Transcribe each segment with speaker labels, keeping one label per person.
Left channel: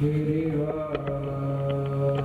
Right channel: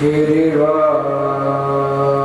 Speaker 1: Shri Rama.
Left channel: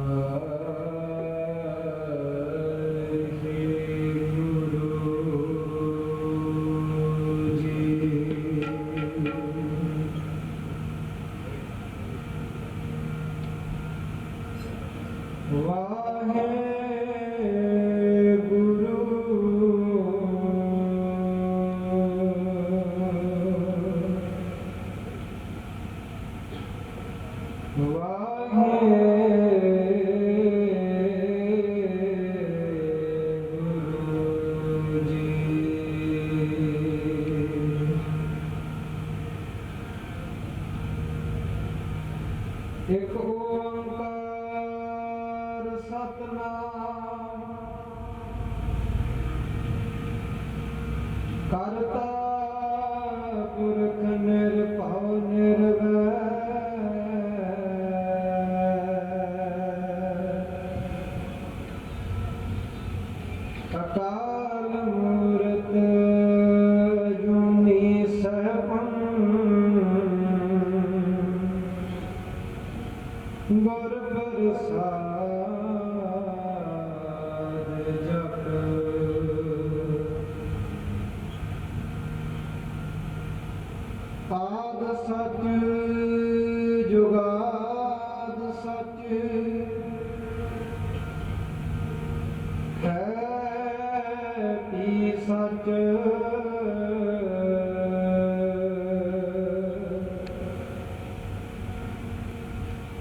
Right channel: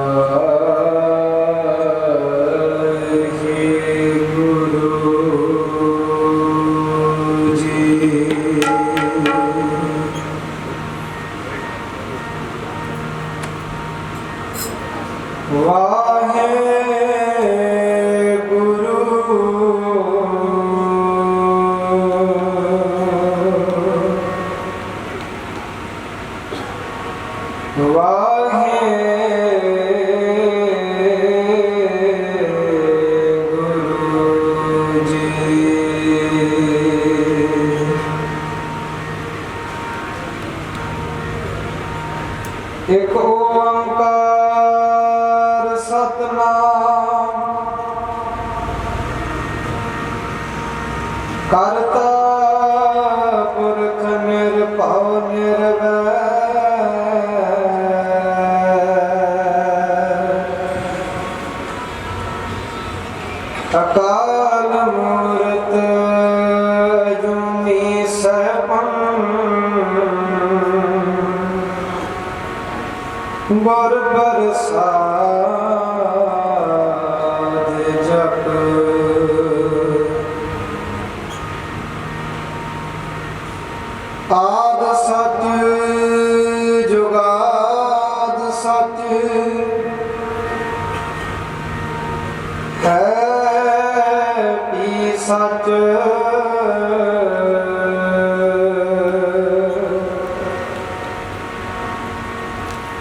Speaker 1: nossa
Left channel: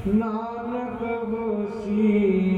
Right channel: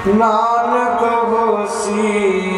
Speaker 1: Nanak ਹੋਸੀ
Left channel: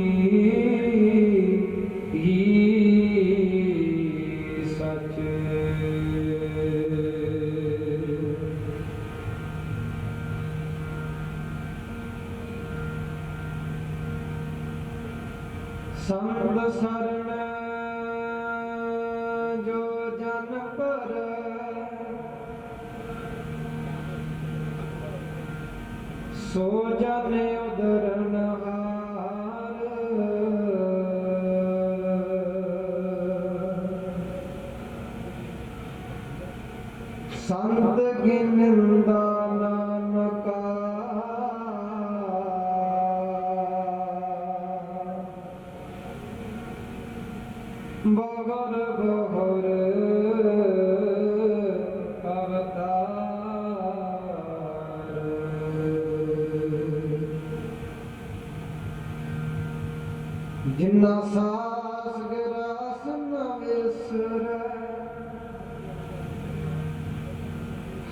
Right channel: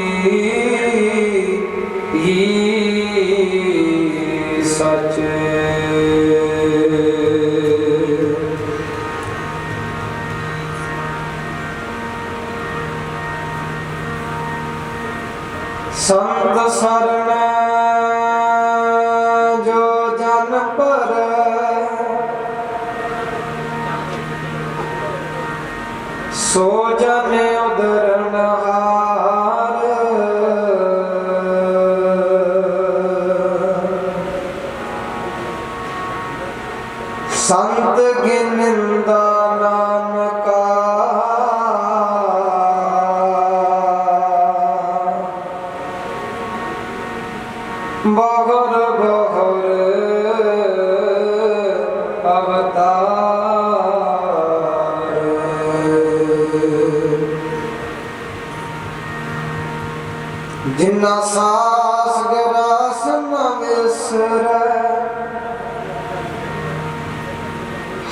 Speaker 1: ਸੰਤ ਗਿਨੰਦਾ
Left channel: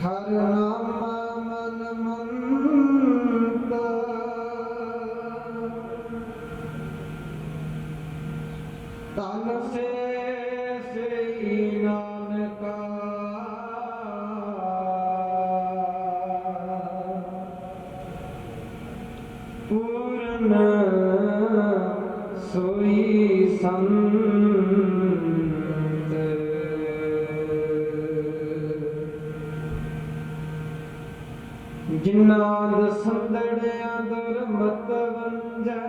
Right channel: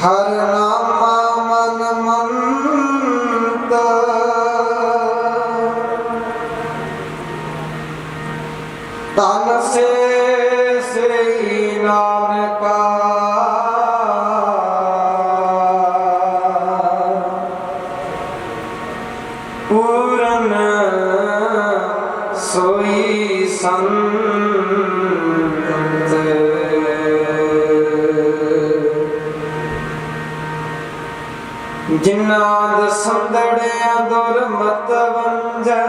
Speaker 1: ਹਰ ਜਿਨ੍ਹਾਂ ਦੇ ਸੰਦੜਿਆ ਦੁਰਮਤ ਵੰਜੈ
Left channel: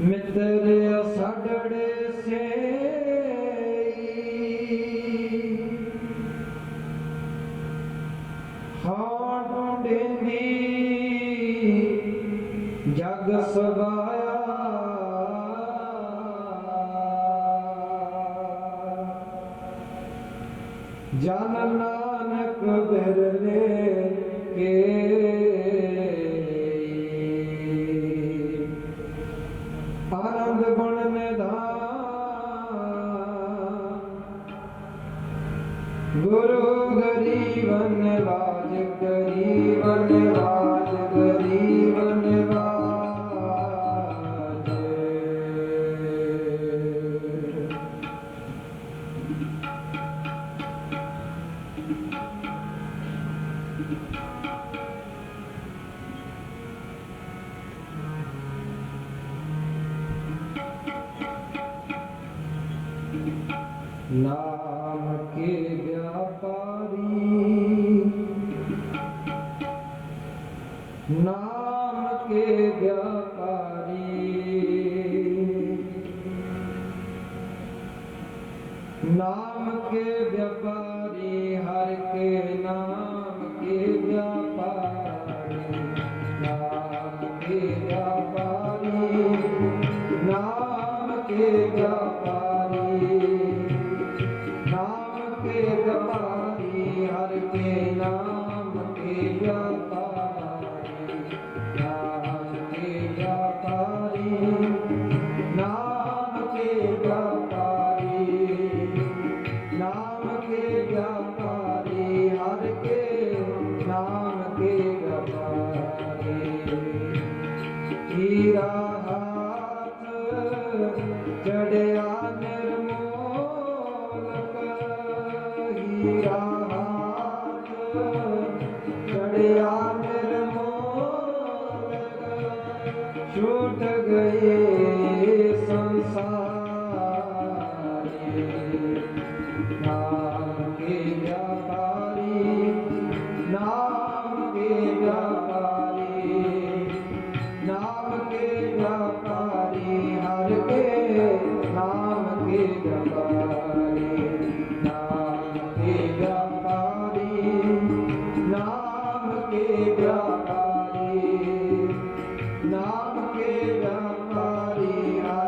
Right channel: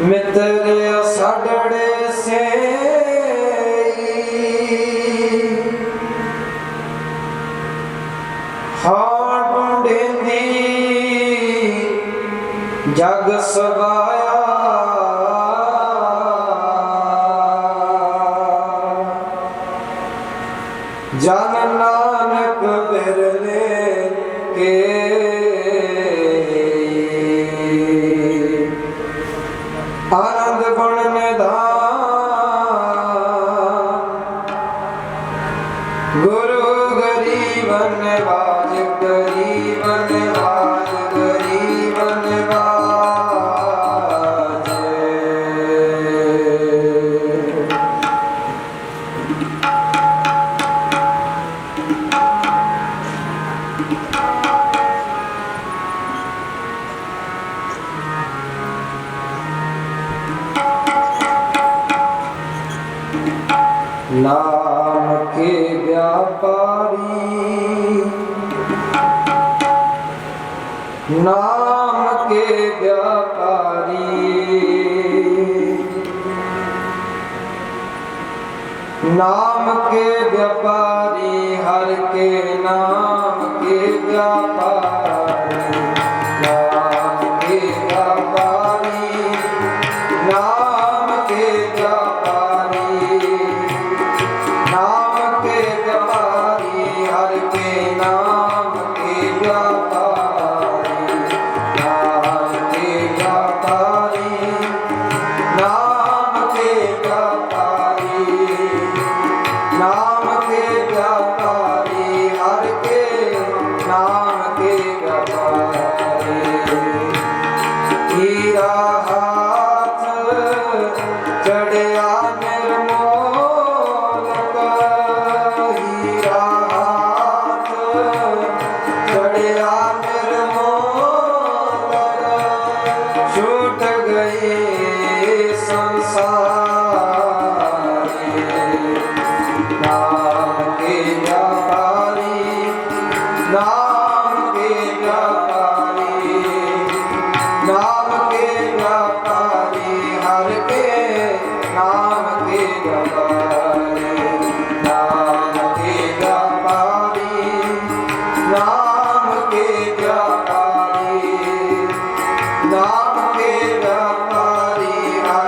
Speaker 1: ਮਿੱਤਰ ਸਾਡੜੇ ਸੇ ਹਾਂ ਟੁੰਡੇਂਦੀ ਜਗ ਸਵਾਇਆ ਨਾਮ ਕੇ ਵਿਆਪਾਰੀ। ਨਾਮ ਕੇ ਵਿਆਪਾਰੀ। ਨਾਮ ਕੇ ਵਿਆਪਾਰੀ ਹਰ ਕੇ ਨਾਮ ਕੇ ਵਿਆਪਾਰੀ। Yamaha.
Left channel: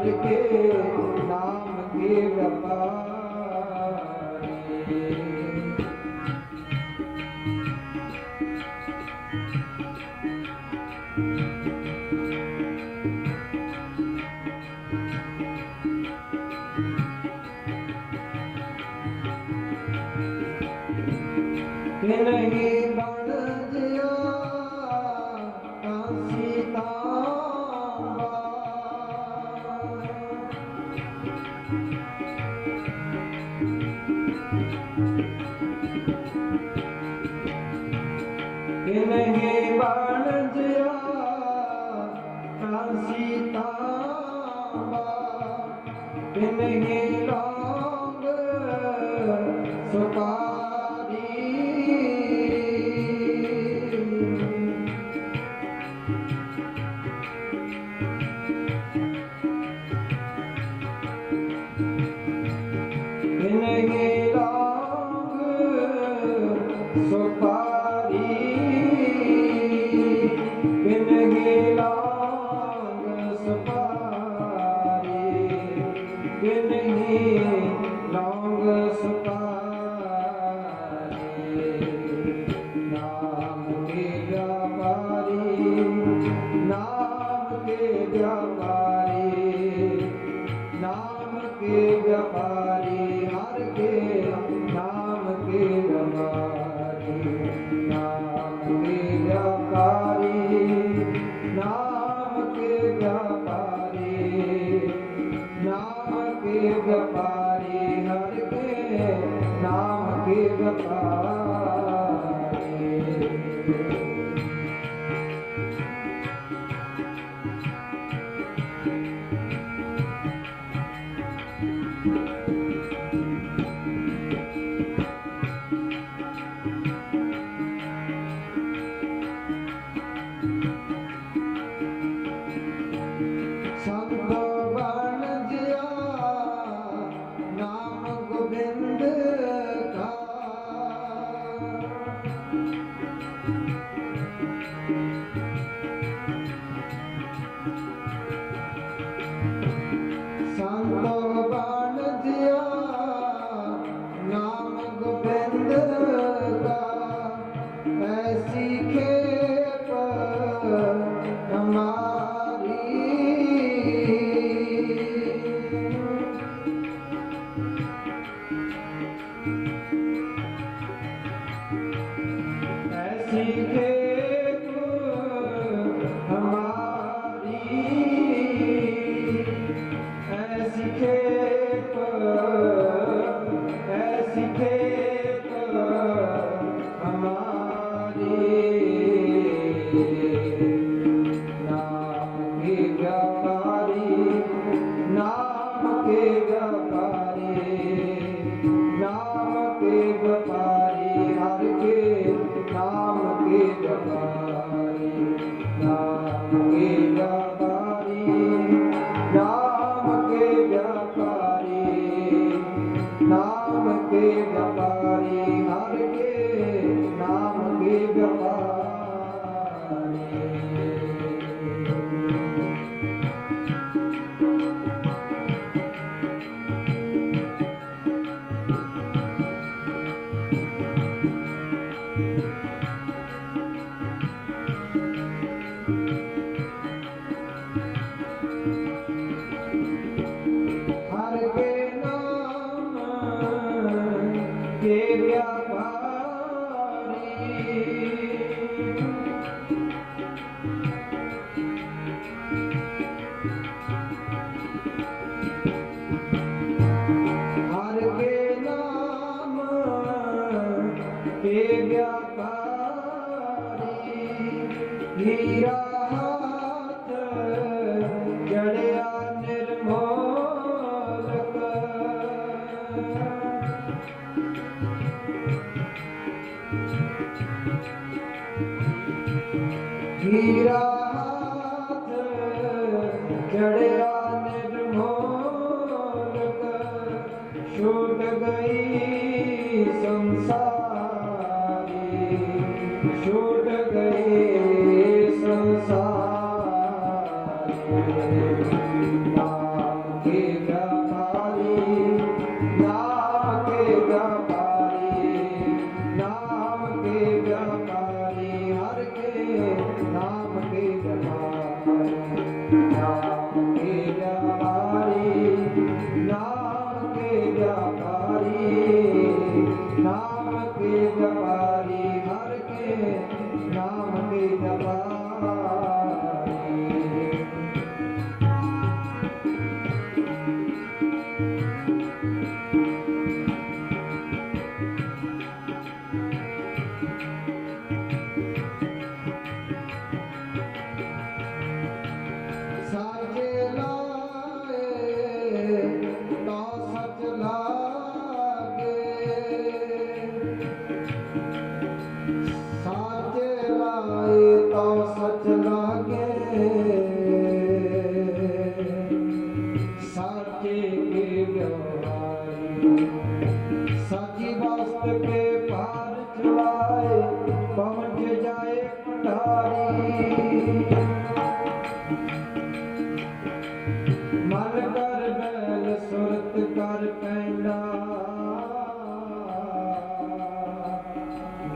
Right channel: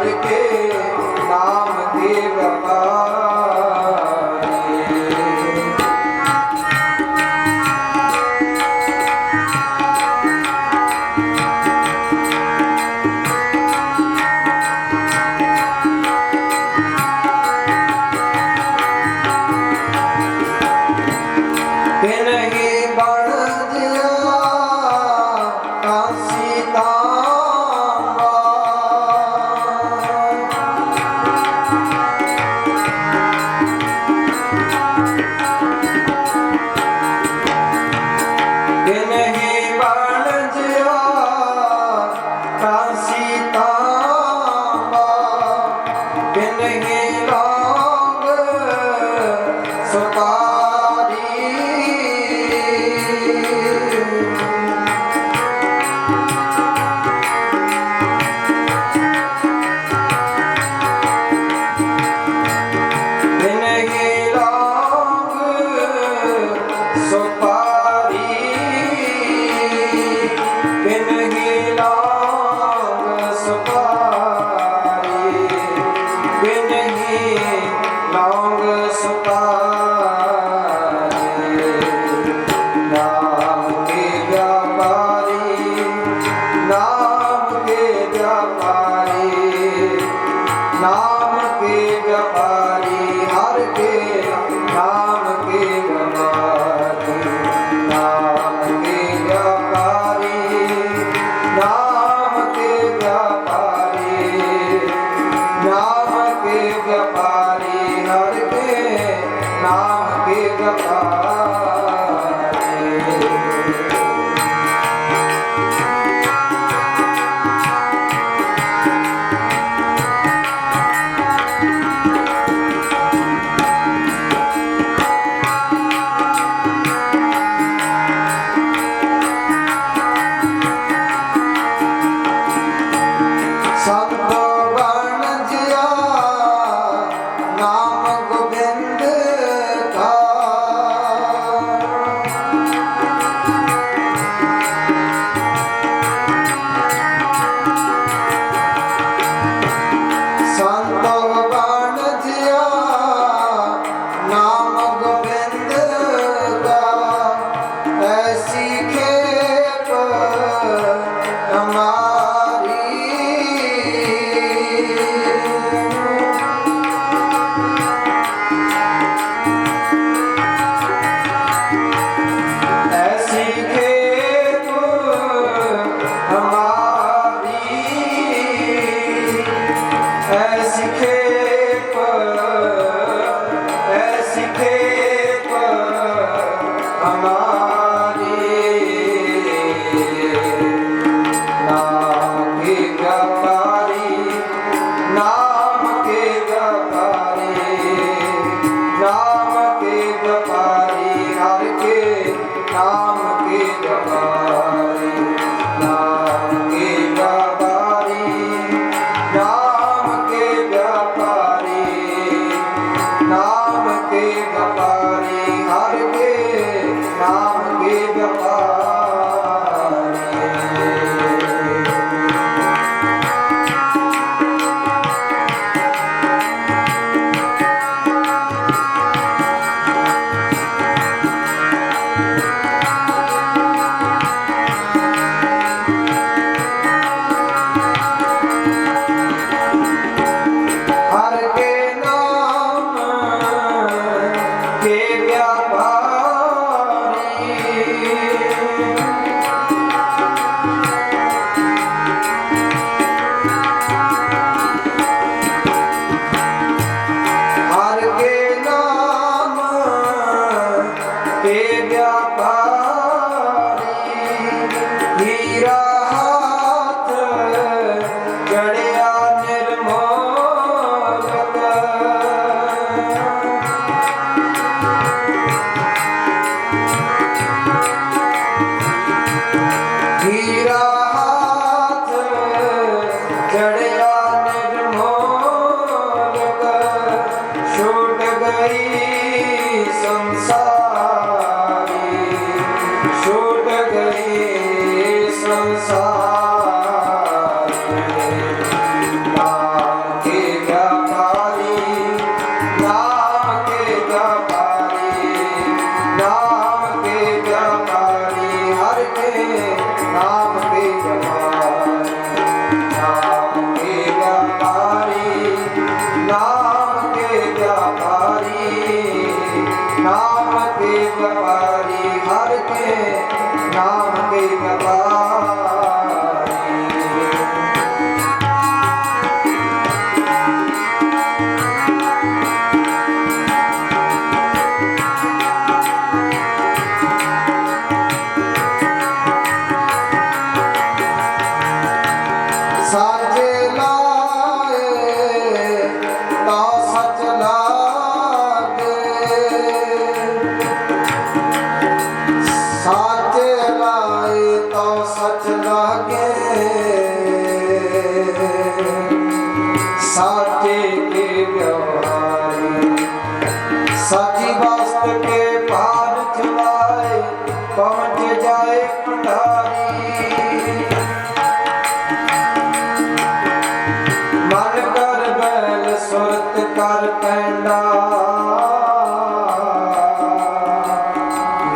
Speaker 1: কে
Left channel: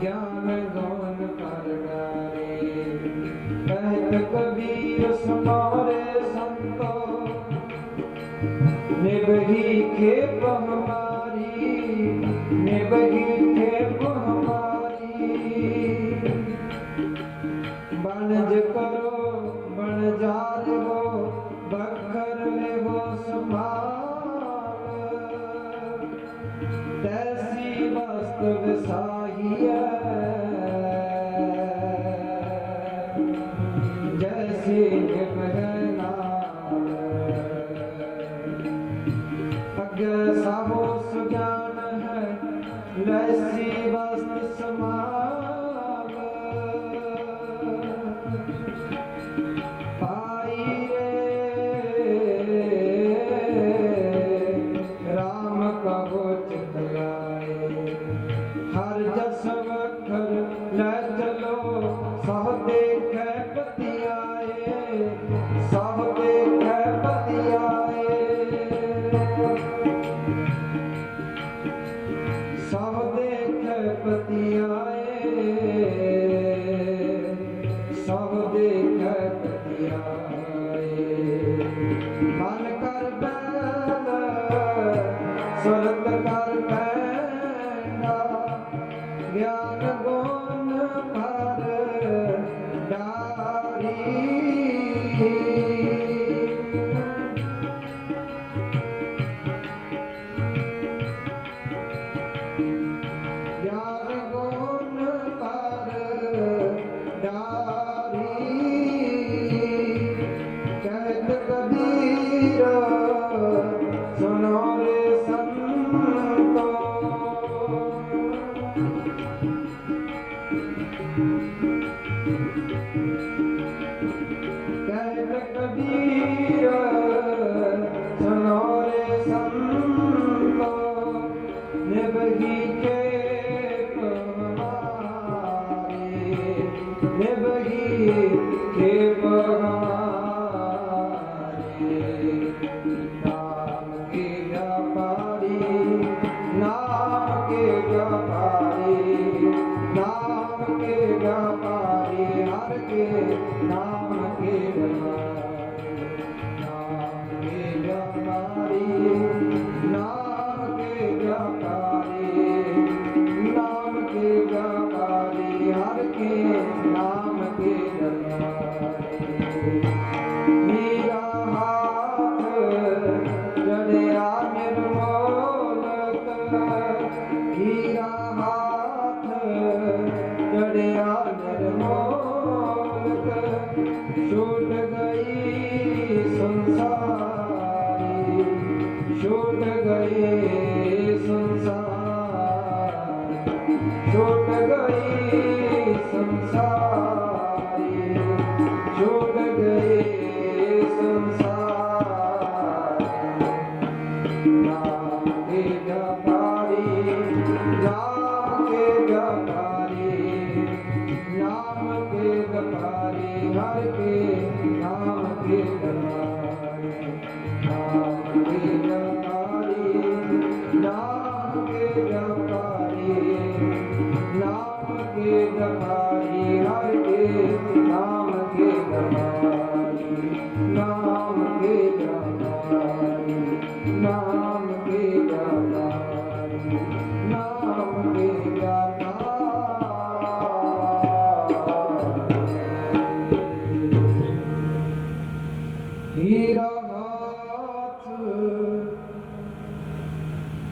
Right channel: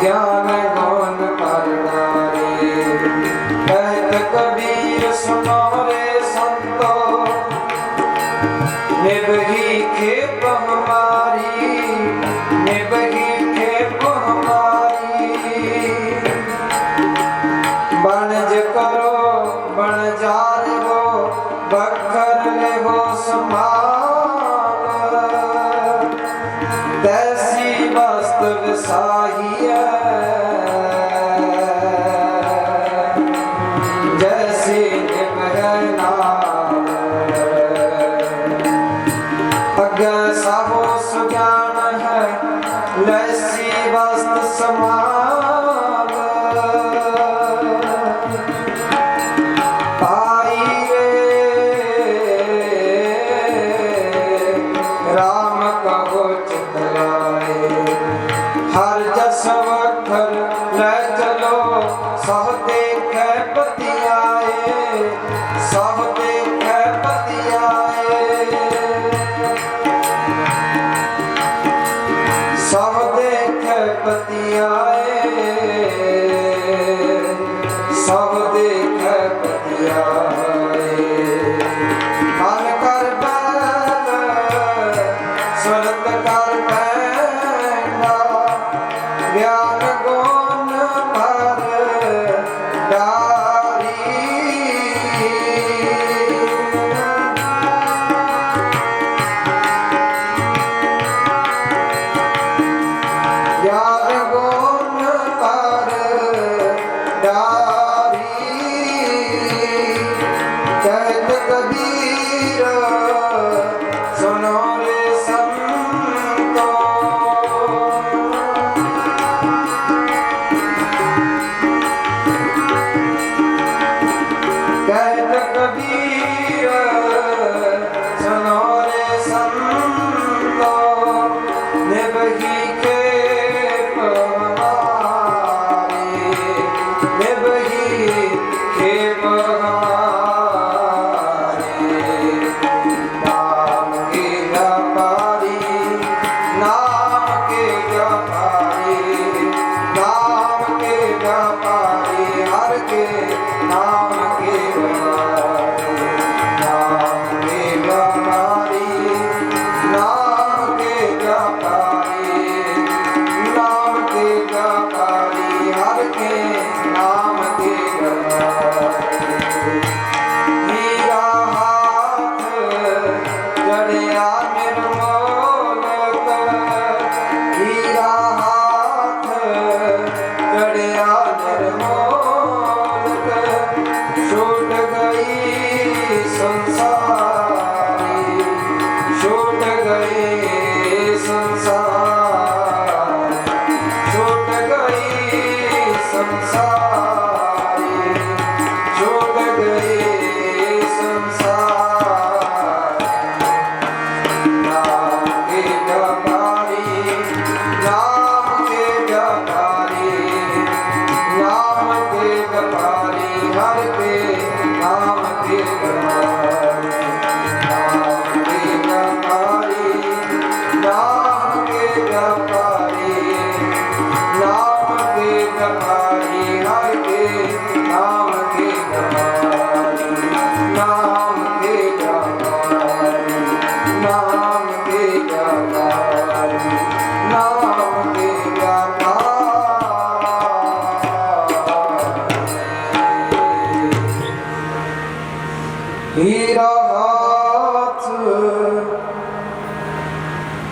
Speaker 1: ਗਿਆਨ ਗਾਨ ਪਰਨਾਰੇ ਕਹਿਤ ਕਬੀਰ ਸੁਨਾਰੇ ਸੰਤੋ। ਨਿਭਹੀ ਕੇ बगी हे महा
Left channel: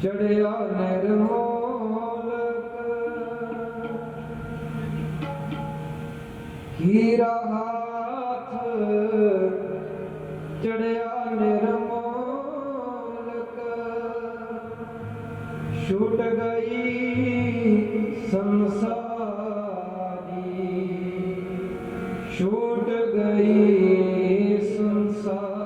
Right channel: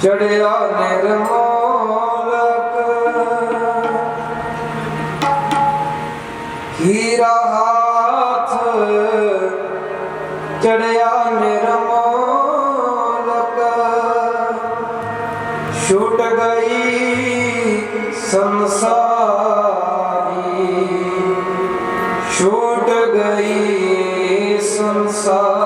Speaker 1: ਚੜਿਆ ਨਿਰਮੋਲਕ ਹੀਰਾ ਹਾਥ ਚੜਿਆ ਨਿਰਮੋਲਕ ਛੁੱਟ ਗਈ ਸੰਸਾਰੀ। ਛੁੱਟ ਗਈ ਸੰਸਾਰ।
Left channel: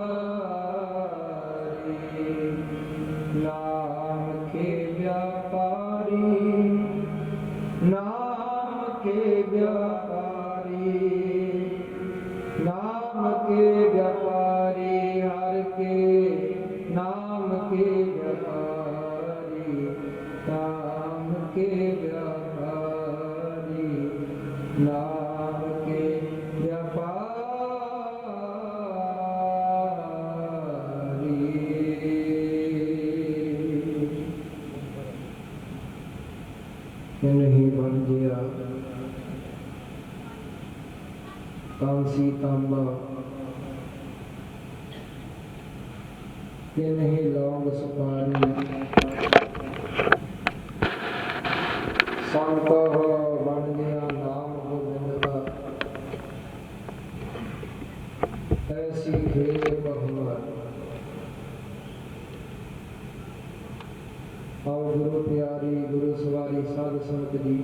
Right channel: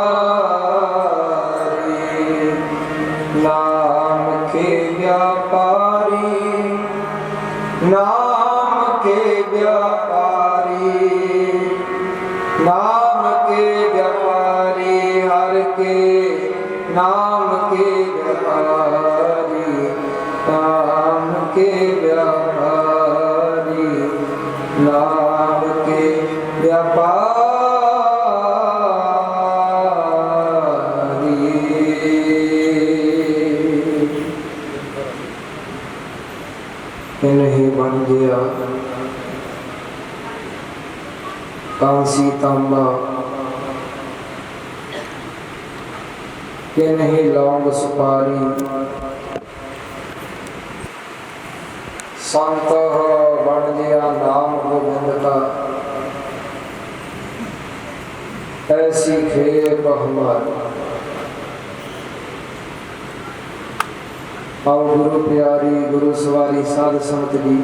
Speaker 1: ਇਹ ਨਹੀਂ ਬਣ ਗਿਆ। ਕਾਂਸੀ ਤਾਂਬਾ। ਕਿ ਨਹੀਂ ਲੌਂਗ ਸੁਪਾਰੀ। ਸੰਤ ਬਣ ਗਿਆ ਨਾਮ ਗੋਬਿੰਦ ਦਾ ਐਸੀ ਖੇਪ ਹਮਾਰੀ ਆਓ ਗੁਰੂ ਪਿਆਰੀ ਗੁਰੂ ਸਵਾਰੀ ਸਾਧ ਸੰਗਤ ਜੀ।